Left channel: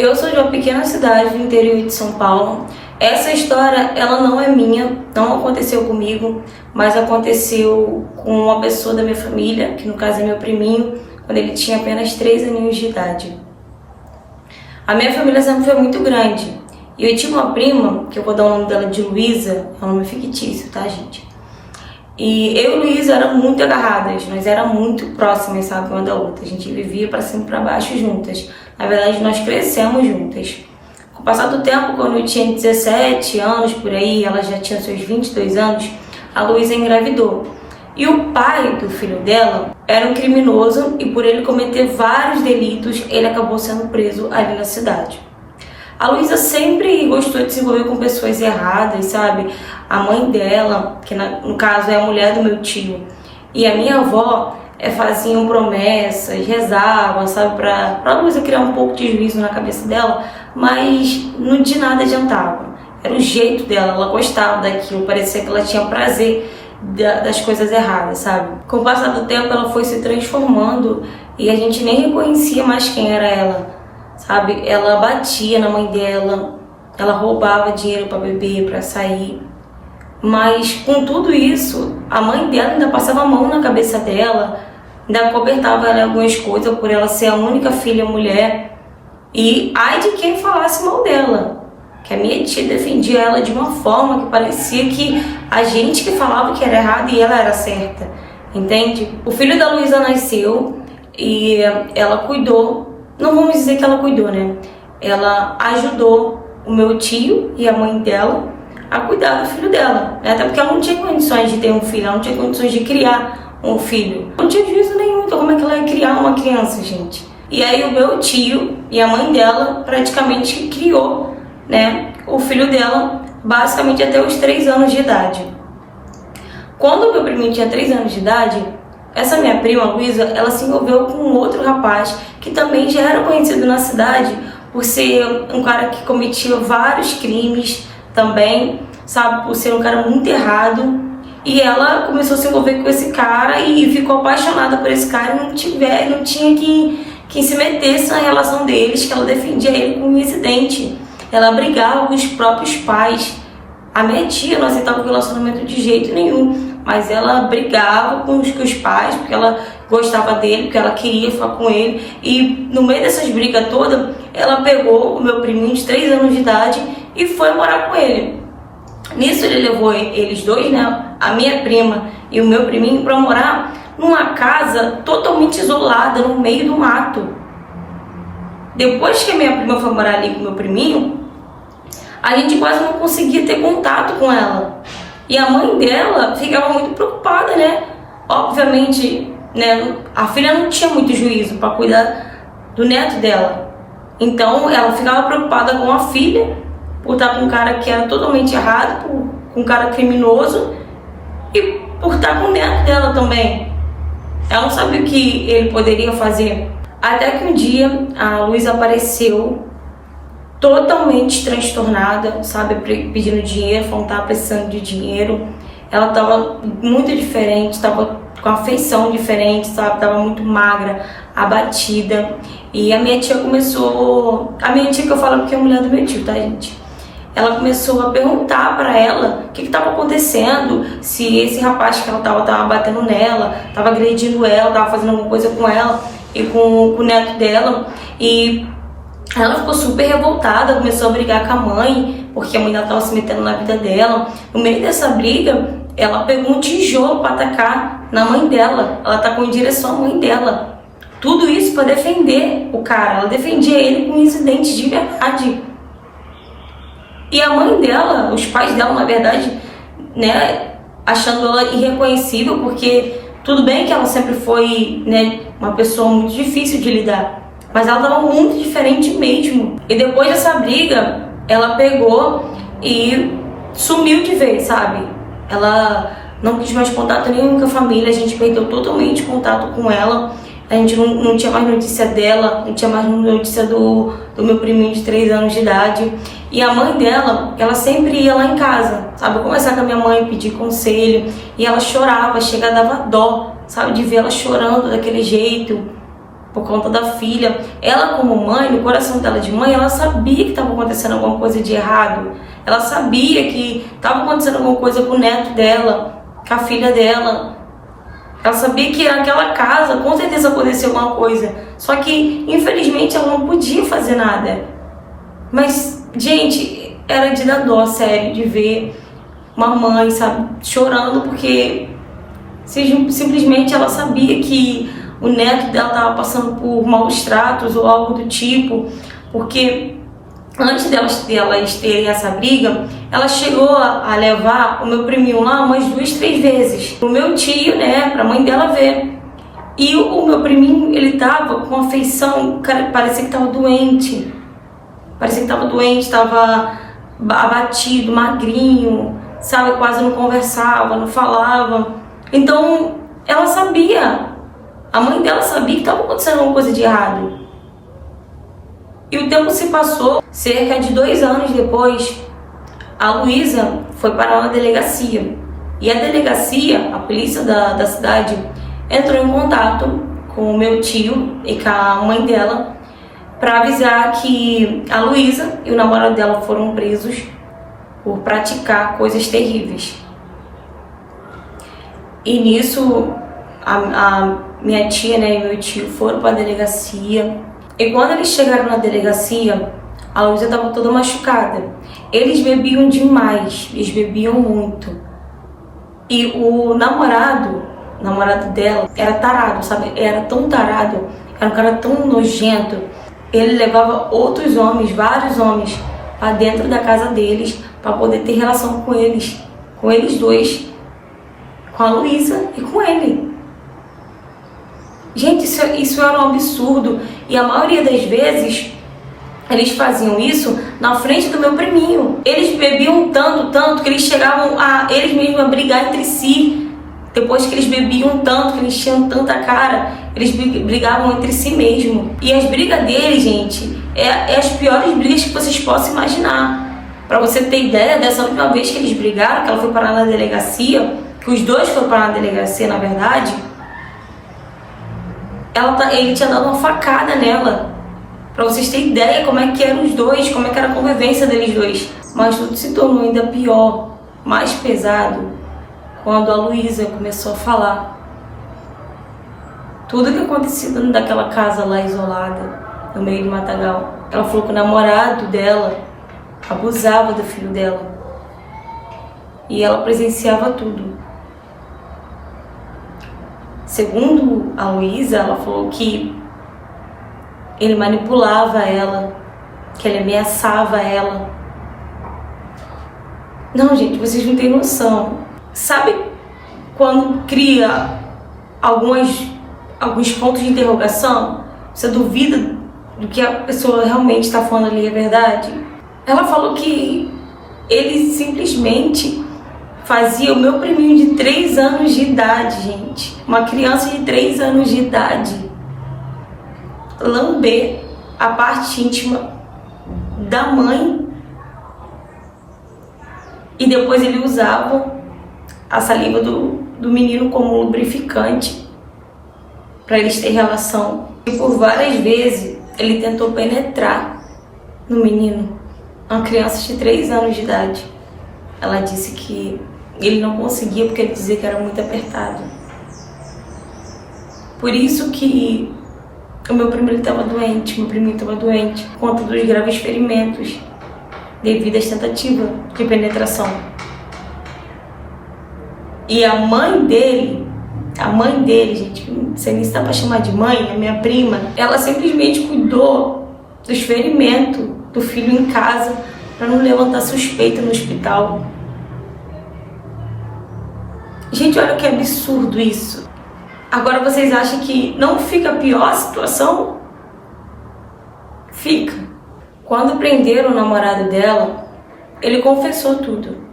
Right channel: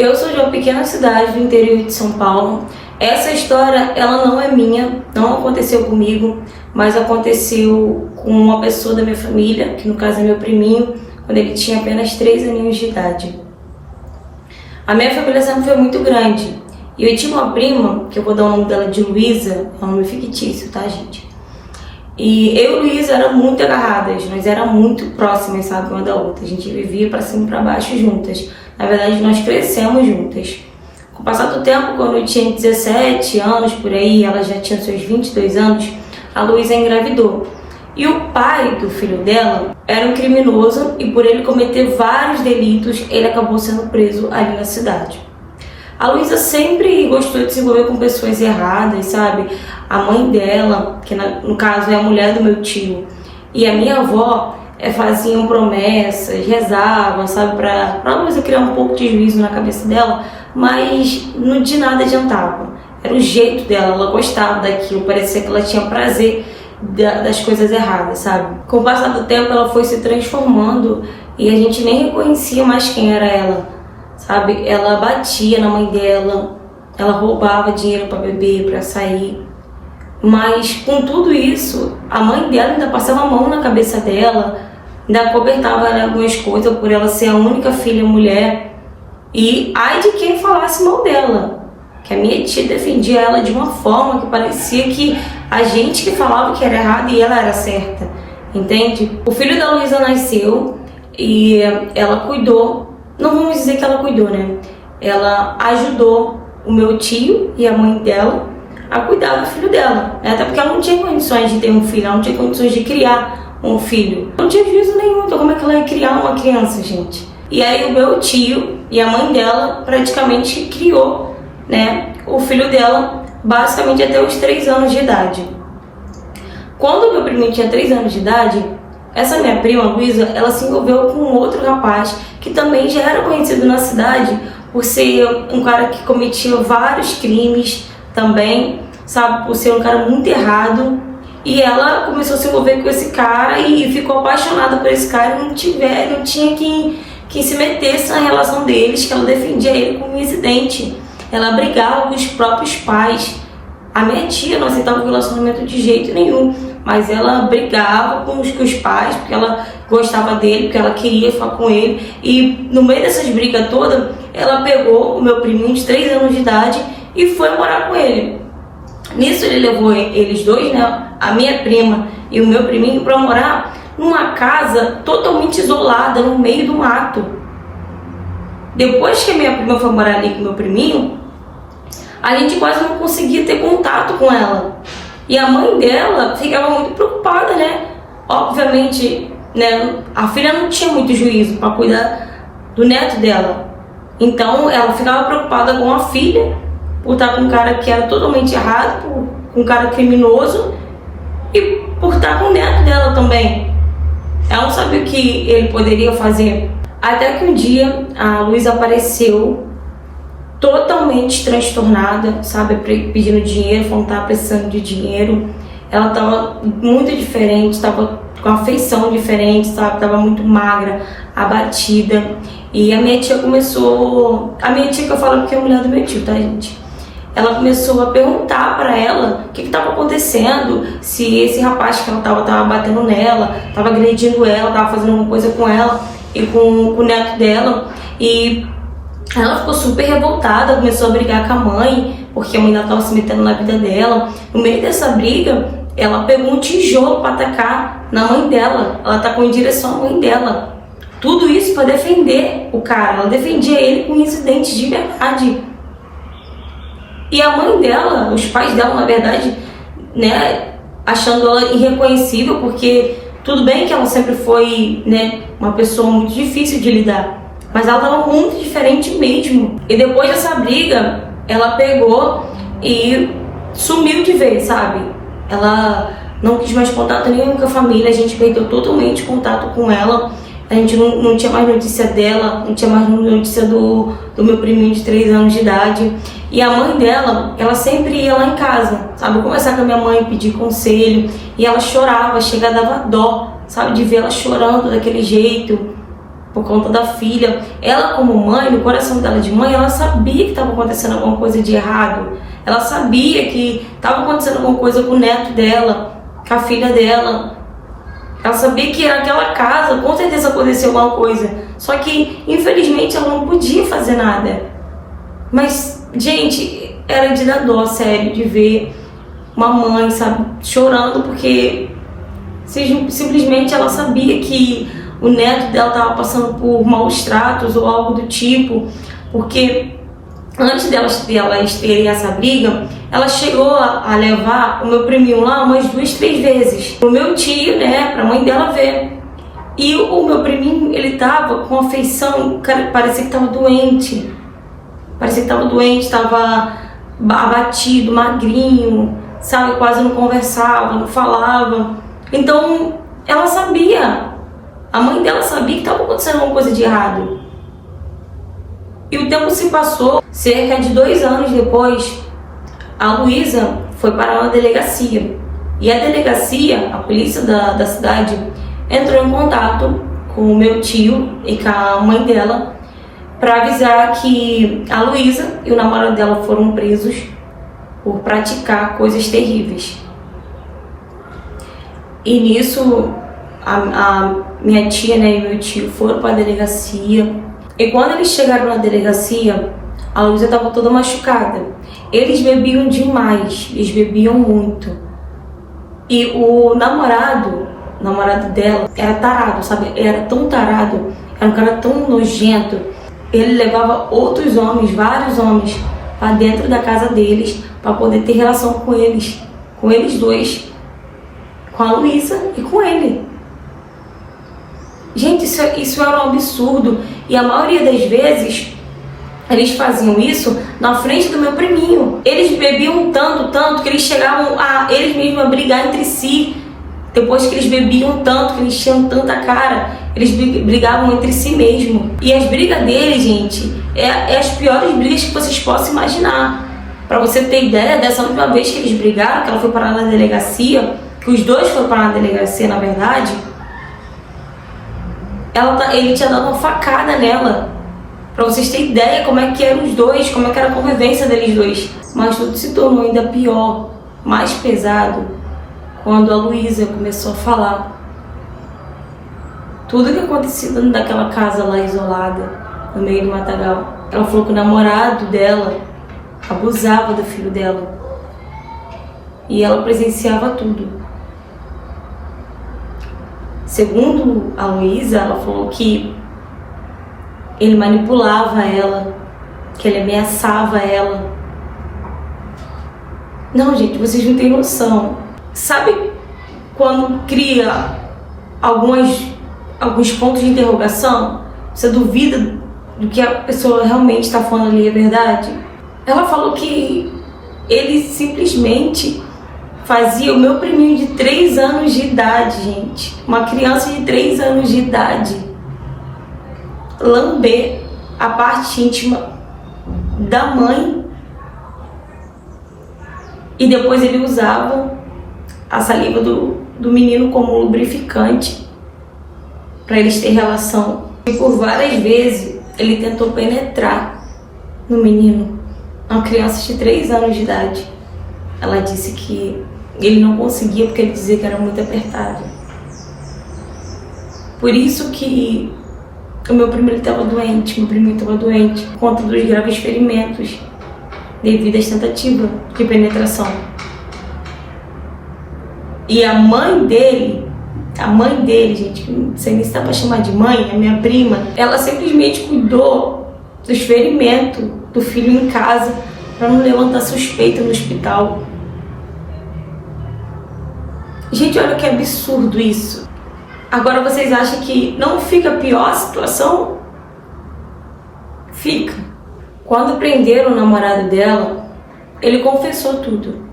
Eu sou de uma pequena cidade do interior de São Paulo. Essa história, ela não é minha, não aconteceu comigo, mas aconteceu com uma pessoa da minha família, que no caso é meu priminho, quando ele tinha apenas 3 aninhos de idade. A minha família sempre foi muito grande. E eu tinha uma prima, que eu vou dar o nome dela de Luísa, é um nome fictício, tá, gente? E eu e Luísa eram muito agarradas, nós éramos muito próximas, sabe, uma da outra. A gente vivia pra cima e pra baixo juntas. Na verdade, nós crescemos juntas. Com o passar do tempo, quando eu tinha 17 anos, por aí, ela já tinha seus 22 anos, a Luísa engravidou. E o pai do filho dela era um criminoso e por ele cometer vários delitos, ele acabou sendo preso ali na cidade. A Luísa sempre gostou de se envolver com pessoas erradas, sabe? A mãe dela, que no caso é a mulher do meu tio, e a minha avó faziam promessas, rezavam, sabe? Pra Luísa criar um pouco de juízo na cabeça dela, mas de nada adiantava. Era o jeito dela, ela gostava daquilo, parecia que ela tinha prazer das coisas erradas, sabe? Com o passar do tempo, ela foi se transformando e a gente nem reconhecia mais quem era ela, sabe? Ela batia na mãe dela, ela roubava dinheiro para beber, para sair. Mas com tudo isso, a mãe dela ainda passava a mão na cabeça dela, ainda cobertava ela algumas coisas por ela ser a única filha mulher. E ai de quem falasse mal dela, que a minha tia defendia ela de uma forma que parecia que a gente que falava que era errado e ela era certa, entende? O filho da Luísa nasceu e ela cuidou, não vamos dizer que ela cuidou, né? Ela ajudou o meu tio e a mãe dela a cuidar do filho dela, né? Até porque ela não tinha condições de ter um filho, ela não tinha condições de criar um filho. Não tinha juízo nenhum, então como é que ela ia criar uma criança, gente? E aí o meu tio e a mãe dela praticamente criou, né, o filho dela basicamente até os 3 anos de idade. Quando o meu priminho tinha 3 anos de idade, essa minha prima, Luísa, ela se envolveu com um outro rapaz que também já era conhecido na cidade por ser um cara que cometia vários crimes também, sabe, por ser um cara muito errado. E ela começou a se envolver com esse cara e ficou apaixonada por esse cara e não tinha quem se metesse na relação deles, que ela defendia ele como incidente. Ela brigava com os próprios pais. A minha tia não aceitava o relacionamento de jeito nenhum, mas ela brigava com os pais, porque ela gostava dele, porque ela queria falar com ele. E no meio dessas brigas todas, ela pegou o meu priminho de 3 anos de idade e foi morar com ele. Nisso ele levou eles dois, né, a minha prima e o meu priminho, para morar numa casa totalmente isolada, no meio do mato. Depois que a minha prima foi morar ali com o meu priminho, a gente quase não conseguia ter contato com ela. E a mãe dela ficava muito preocupada, né? Obviamente, né, a filha não tinha muito juízo para cuidar do neto dela. Então ela ficava preocupada com a filha, por estar com um cara que era totalmente errado, com um cara criminoso, e por estar com o neto dela também. Ela não sabia o que ele poderia fazer. Até que um dia a Luísa apareceu totalmente transtornada, sabe, pedindo dinheiro, falando que estava precisando de dinheiro. Ela estava muito diferente, estava com a feição diferente, sabe, estava muito magra, abatida. E a minha tia começou, a minha tia que eu falo porque é a mulher do meu tio, tá, gente? Ela começou a perguntar para ela o que estava acontecendo, se esse rapaz que ela tava batendo nela, estava agredindo ela, estava fazendo alguma coisa com ela e com o neto dela. E ela ficou super revoltada, começou a brigar com a mãe, porque a mãe dela estava se metendo na vida dela. No meio dessa briga, ela pegou um tijolo para atacar na mãe dela. Ela atacou em direção à mãe dela. Tudo isso para defender o cara. Ela defendia ele com incidentes de verdade. E a mãe dela, os pais dela, na verdade, né, achando ela irreconhecível, porque tudo bem que ela sempre foi, né, uma pessoa muito difícil de lidar, mas ela estava muito diferente mesmo. E depois dessa briga, ela pegou e sumiu de vez, sabe? Ela não quis mais contato nenhum com a família, a gente perdeu totalmente contato com ela. A gente não tinha mais notícia dela, não tinha mais notícia do meu priminho de 3 anos de idade. E a mãe dela, ela sempre ia lá em casa, sabe? Eu conversava com a minha mãe, pedir conselho, e ela chorava, chega, dava dó, sabe? De ver ela chorando daquele jeito. por conta da filha. Ela, como mãe, no coração dela de mãe, ela sabia que estava acontecendo alguma coisa de errado. Ela sabia que estava acontecendo alguma coisa com o neto dela, com a filha dela. Ela sabia que naquela casa com certeza aconteceu alguma coisa. Só que, infelizmente, ela não podia fazer nada. Mas, gente, era de dar dó, sério, de ver uma mãe, sabe, chorando porque simplesmente ela sabia que o neto dela estava passando por maus tratos ou algo do tipo, porque antes delas terem essa briga, ela chegou a levar o meu priminho lá umas 2, 3 vezes pro meu tio, né, pra mãe dela ver. E o meu priminho, ele tava com afeição, parecia que tava doente, tava abatido, magrinho, sabe, quase não conversava, não falava. Então ela sabia, a mãe dela sabia que estava acontecendo alguma coisa de errado. E o tempo se passou. Cerca de 2 anos depois, a Luísa foi parar na delegacia. E a delegacia, a polícia da cidade, entrou em contato com o meu tio e com a mãe dela para avisar que a Luísa e o namorado dela foram presos por praticar coisas terríveis. E nisso, a minha tia, né, e meu tio foram para a delegacia. E quando eles chegaram na delegacia, a Luísa estava toda machucada. Eles bebiam demais, eles bebiam muito. E o namorado dela era tarado, sabe? Era tão tarado, era um cara tão nojento. Ele levava outros homens, vários homens, para dentro da casa deles, para poder ter relação com eles dois, com a Luísa e com ele. Gente, isso era um absurdo. E a maioria das vezes eles faziam isso na frente do meu priminho. Eles bebiam tanto que eles chegavam eles mesmos a brigar entre si. Depois que eles bebiam tanto, que eles tinham tanta cara, eles brigavam entre si mesmo. E as brigas deles, gente, é as piores brigas que vocês possam imaginar. Pra você ter ideia, dessa última vez que eles brigaram, que ela foi parar na delegacia, que os dois foram parar na delegacia, na verdade, ele tinha dado uma facada nela. Pra vocês terem ideia como é que eram os dois, como é que era a convivência deles dois. Mas tudo se tornou ainda pior, mais pesado, quando a Luísa começou a falar tudo que acontecia dentro daquela casa lá isolada, no meio do matagal. Ela falou que o namorado dela abusava do filho dela e ela presenciava tudo. Segundo a Luísa, ela falou que ele manipulava ela, que ele ameaçava ela. Não, gente, vocês não têm noção. Sabe quando cria alguns pontos de interrogação? Você duvida do que a pessoa realmente está falando ali é verdade? Ela falou que ele simplesmente fazia o meu priminho de 3 anos de idade, gente, uma criança de 3 anos de idade, lamber a parte íntima da mãe, e depois ele usava a saliva do menino como lubrificante para eles terem relação. E por várias vezes ele tentou penetrar no menino, uma criança de 3 anos de idade. Ela disse que ele não conseguia porque ele dizia que era muito apertado. Por isso que o meu priminho estava doente, por conta dos graves ferimentos devido às tentativas de penetração. E a mãe dele, gente, não sei nem se dá pra chamar de mãe, a minha prima, ela simplesmente cuidou dos ferimentos do filho em casa para não levantar suspeita no hospital. Gente, olha que absurdo isso. Agora vocês acham que não fica pior a situação? Fica. Quando prenderam o namorado dela, ele confessou tudo.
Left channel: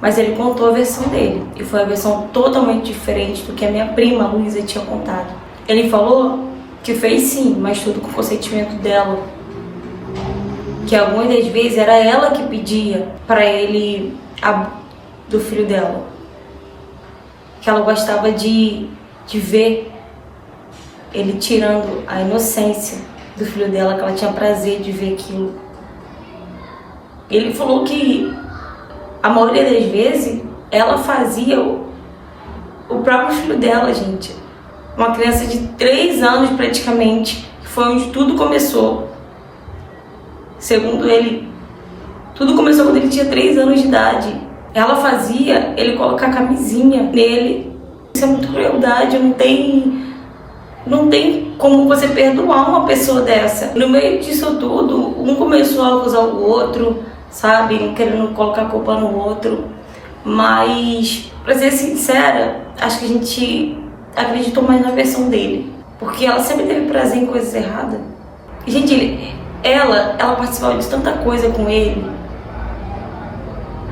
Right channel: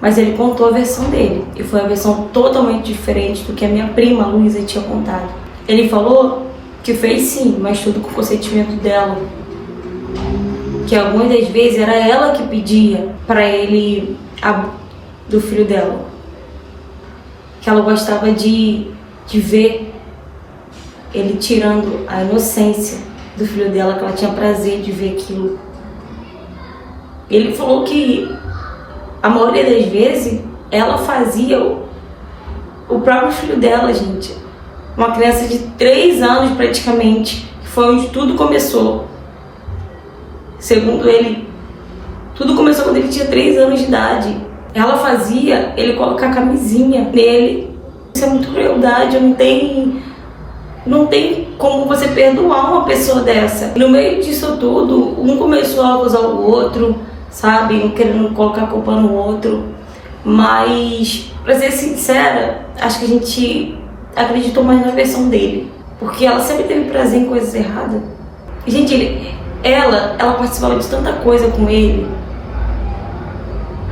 Mas ele contou a versão dele. E foi uma versão totalmente diferente do que a minha prima, a Luísa, tinha contado. Ele falou que fez sim, mas tudo com o consentimento dela. Que algumas das vezes era ela que pedia para ele do filho dela. Que ela gostava de ver ele tirando a inocência do filho dela, que ela tinha prazer de ver aquilo. Ele falou que a maioria das vezes ela fazia o próprio filho dela, gente. Uma criança de 3 anos praticamente, que foi onde tudo começou. Segundo ele, tudo começou quando ele tinha 3 anos de idade. Ela fazia ele colocar camisinha nele. Isso é muito crueldade, não tem como você perdoar uma pessoa dessa. No meio disso tudo, um começou a acusar o outro, sabe? Um querendo colocar a culpa no outro. Mas, pra ser sincera, acho que a gente acreditou mais na versão dele. Porque ela sempre teve prazer em coisas erradas. E, gente, ela participava de tanta coisa com ele.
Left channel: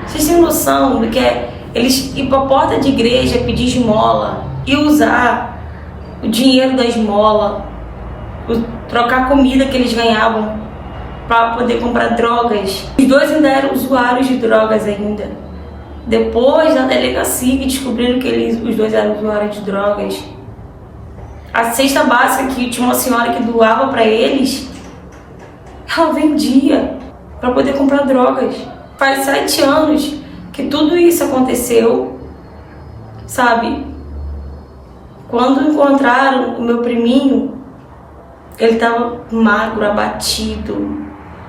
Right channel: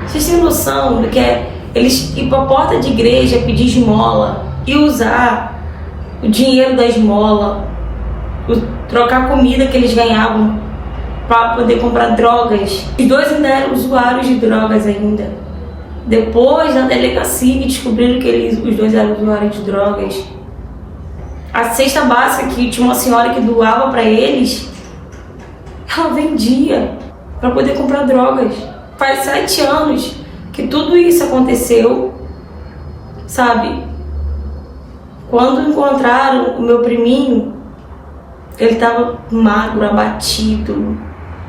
Vocês têm noção do que é eles ir pra porta de igreja pedir esmola e usar o dinheiro da esmola, trocar a comida que eles ganhavam para poder comprar drogas? Os dois ainda eram usuários de drogas ainda. Depois da delegacia que descobriram que os dois eram usuários de drogas, a cesta básica que tinha uma senhora que doava para eles, ela vendia para poder comprar drogas. Faz 7 anos que tudo isso aconteceu, sabe? Quando encontraram o meu priminho, ele estava magro, abatido,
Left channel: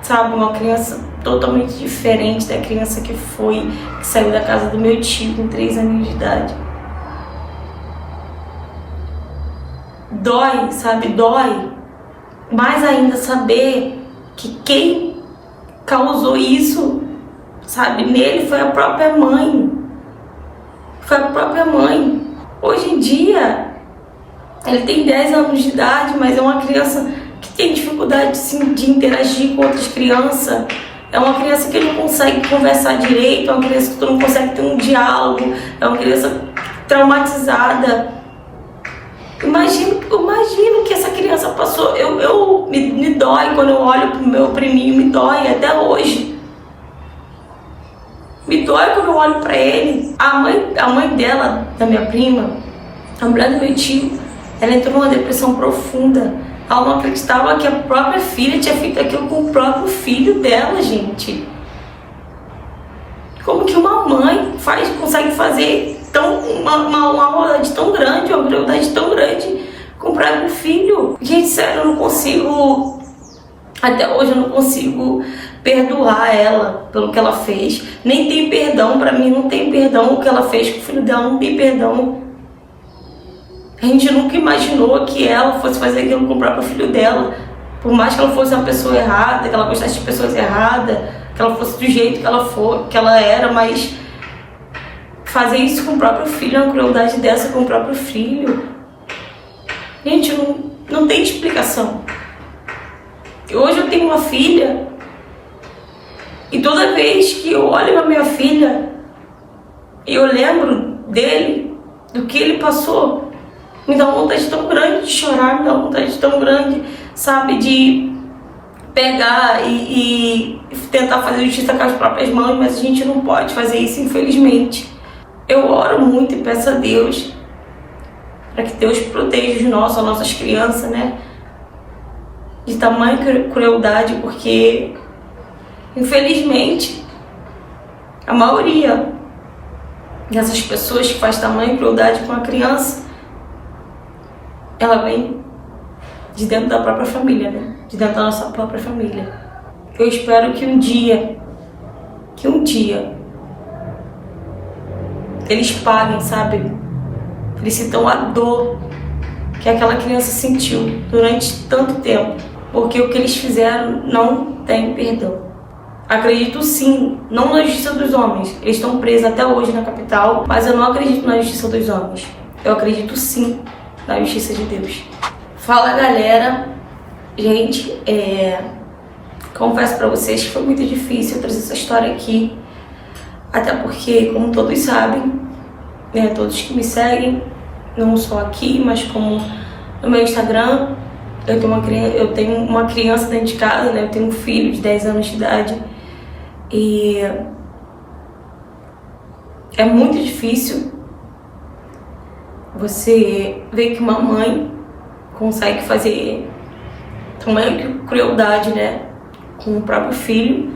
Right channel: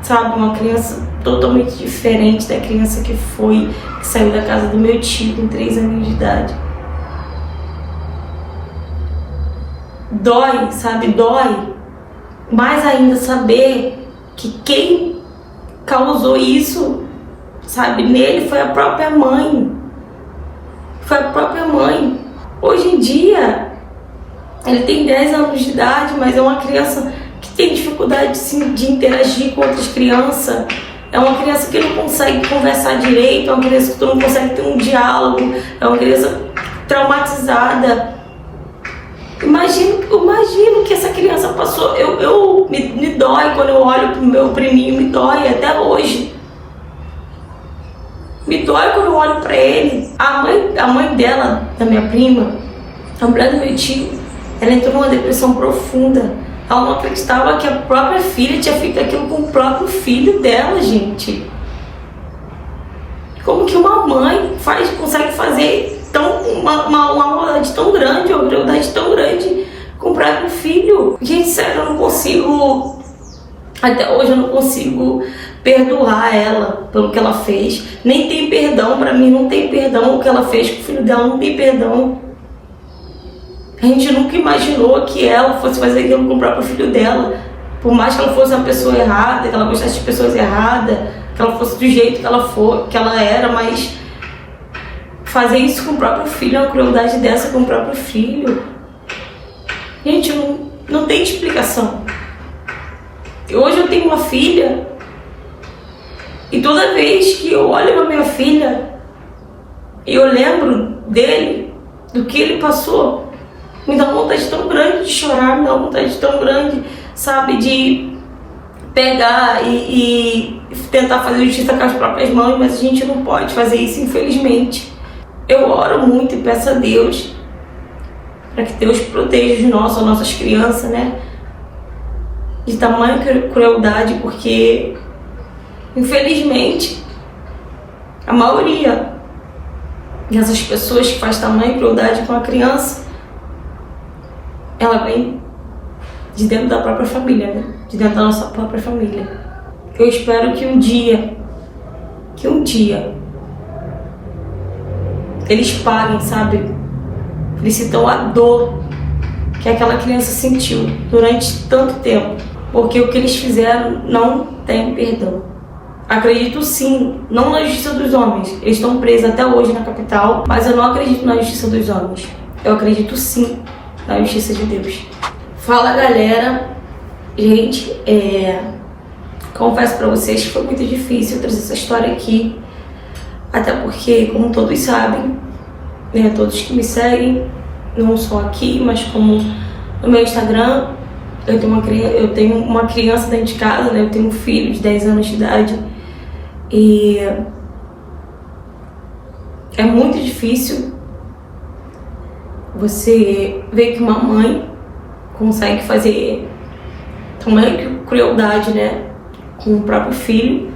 sabe? Uma criança totalmente diferente da criança que saiu da casa do meu tio com 3 anos de idade. Dói, sabe? Dói. Mais ainda saber que quem causou isso, sabe, nele foi a própria mãe. Foi a própria mãe. Hoje em dia, ele tem 10 anos de idade, mas é uma criança que tem dificuldade de interagir com outras crianças. É uma criança que não consegue conversar direito, é uma criança que não consegue ter um diálogo, é uma criança traumatizada. Imagino que essa criança passou. Me dói quando eu olho pro meu priminho, me dói até hoje. Me dói quando eu olho pra ele. A mãe dela, da minha prima, a mulher do meu tio, ela entrou numa depressão profunda. Ela não acreditava que a própria filha tinha feito aquilo com o próprio filho dela, gente. Como que uma mãe consegue fazer uma maldade tão grande, uma crueldade tão grande com o próprio filho? Gente, sério, eu não consigo. Até hoje eu não consigo perdoar ela pelo que ela fez. Nem tem perdão, pra mim não tem perdão. O que ela fez com o filho dela não tem perdão. A gente nunca imaginou que ela fosse fazer aquilo com o próprio filho dela. Por mais que ela fosse uma pessoa errada, que ela gostasse de pessoas erradas, que ela fosse do jeito que ela era, mas fazer isso com o próprio filho, uma crueldade dessa com o próprio filho, gente, não tem explicação. Hoje eu tenho uma filha e toda vez que eu olho pra minha filha e eu lembro dele, do que ele passou, me dá uma vontade tão grande de chorar, me dá uma vontade tão grande, sabe, de pegar e tentar fazer justiça com as próprias mãos, mas a gente não pode fazer isso, infelizmente. Eu oro muito e peço a Deus para que Deus proteja as nossas crianças, né, de tamanha crueldade, porque infelizmente a maioria dessas pessoas que faz tamanha crueldade com a criança, ela vem de dentro da própria família, né? De dentro da nossa própria família. Eu espero que um dia eles paguem, sabe? Eles sintam a dor que aquela criança sentiu durante tanto tempo, porque o que eles fizeram não tem perdão. Acredito sim, não na justiça dos homens. Eles estão presos até hoje na capital, mas eu não acredito na justiça dos homens. Eu acredito sim na justiça de Deus. Fala, galera. Gente, confesso pra vocês que foi muito difícil trazer essa história aqui, até porque, como todos sabem, né, todos que me seguem, não só aqui, mas como no meu Instagram, eu tenho uma criança dentro de casa, né? Eu tenho um filho de 10 anos de idade e é muito difícil você ver que uma mãe consegue fazer tamanha crueldade, né, com o próprio filho.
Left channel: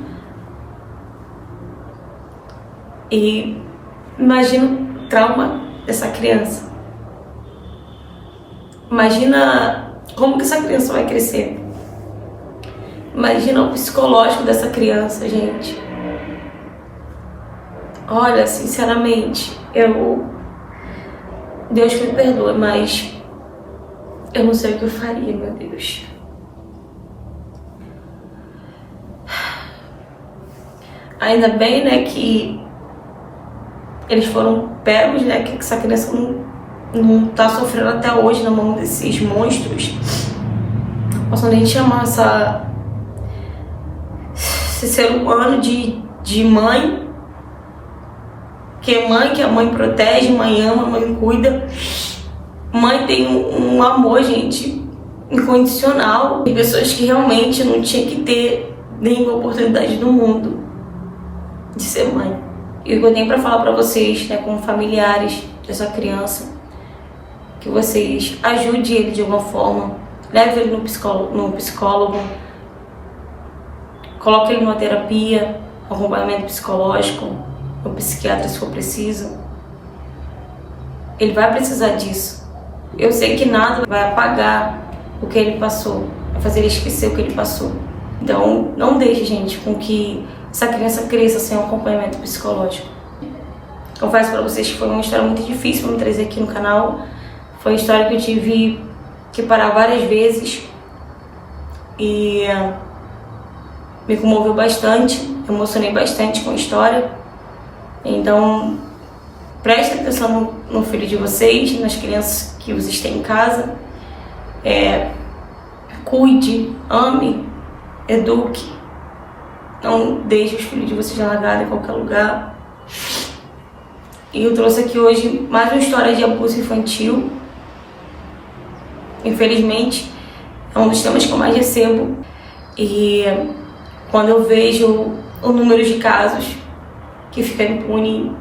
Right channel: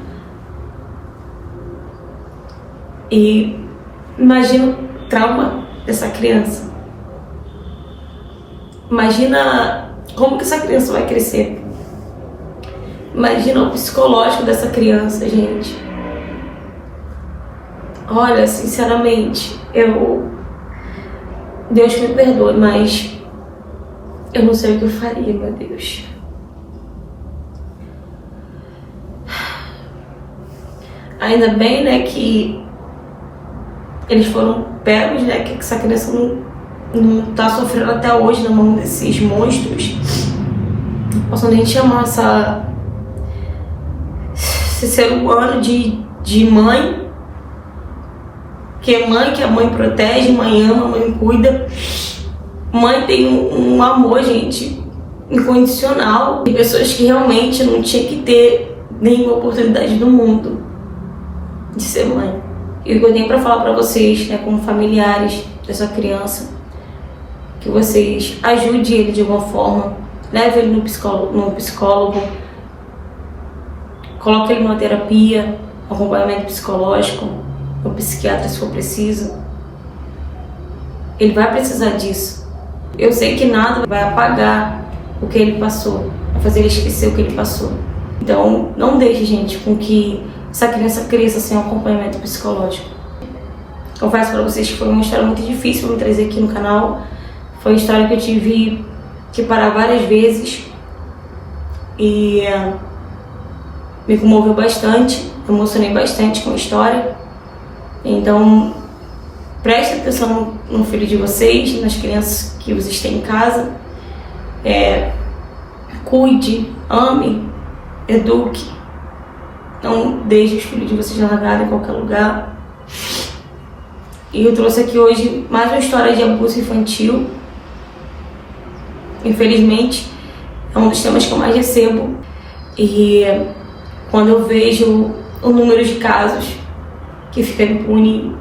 E imagina o trauma dessa criança. Imagina como que essa criança vai crescer. Imagina o psicológico dessa criança, gente. Olha, sinceramente, Deus me perdoe, mas eu não sei o que eu faria, meu Deus. Ainda bem, né, que eles foram pegos, né, que essa criança não tá sofrendo até hoje na mão desses monstros. Não posso nem chamar esse ser humano de mãe. Que a mãe protege, mãe ama, mãe cuida. Mãe tem um amor, gente, incondicional. Tem pessoas que realmente não tinham que ter nenhuma oportunidade do mundo de ser mãe. E o que eu tenho pra falar pra vocês, né, como familiares dessa criança, que vocês ajudem ele de alguma forma, leve ele no psicólogo, coloque ele numa terapia, acompanhamento psicológico, um psiquiatra se for preciso. Ele vai precisar disso. Eu sei que nada vai apagar o que ele passou, vai fazer ele esquecer o que ele passou. Então, não deixe, gente, com que essa criança cresça sem um acompanhamento psicológico. Confesso para vocês que foi uma história muito difícil para me trazer aqui no canal. Foi uma história que eu tive que parar várias vezes e me comoveu bastante, emocionei bastante com a história. Então, preste atenção no filho de vocês, nas crianças que vocês têm em casa. Cuide, ame, eduque. Não deixe os filhos de vocês largados em qualquer lugar. E eu trouxe aqui hoje mais uma história de abuso infantil. Infelizmente, é um dos temas que eu mais recebo. E quando eu vejo o número de casos que fica impune,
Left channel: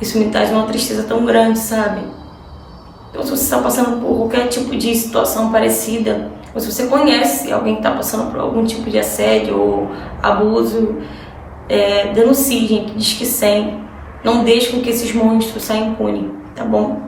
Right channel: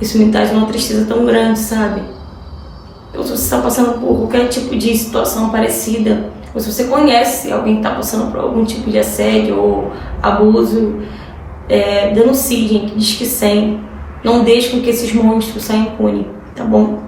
isso me traz uma tristeza tão grande, sabe? Ou se você está passando por qualquer tipo de situação parecida, ou se você conhece alguém que está passando por algum tipo de assédio ou abuso, denuncie, gente, Disque 100. Não deixe com que esses monstros saiam impunes, tá bom?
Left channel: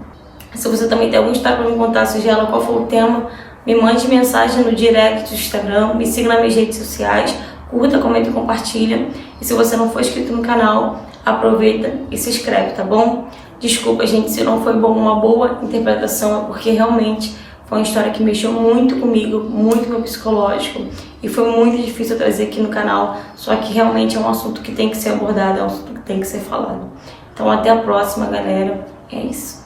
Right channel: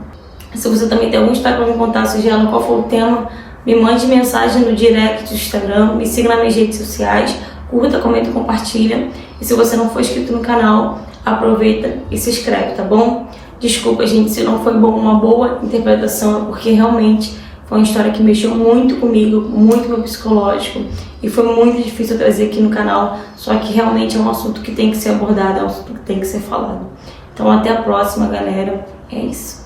Se você também tem alguma história para me contar, seja ela qual for o tema, me mande mensagem no direct do Instagram, me siga nas minhas redes sociais, curta, comenta e compartilha. E se você não for inscrito no canal, aproveita e se inscreve, tá bom? Desculpa, gente, se não foi uma boa interpretação, é porque realmente foi uma história que mexeu muito comigo, muito com o psicológico, e foi muito difícil trazer aqui no canal, só que realmente é um assunto que tem que ser abordado, é um assunto que tem que ser falado. Então até a próxima, galera. É isso.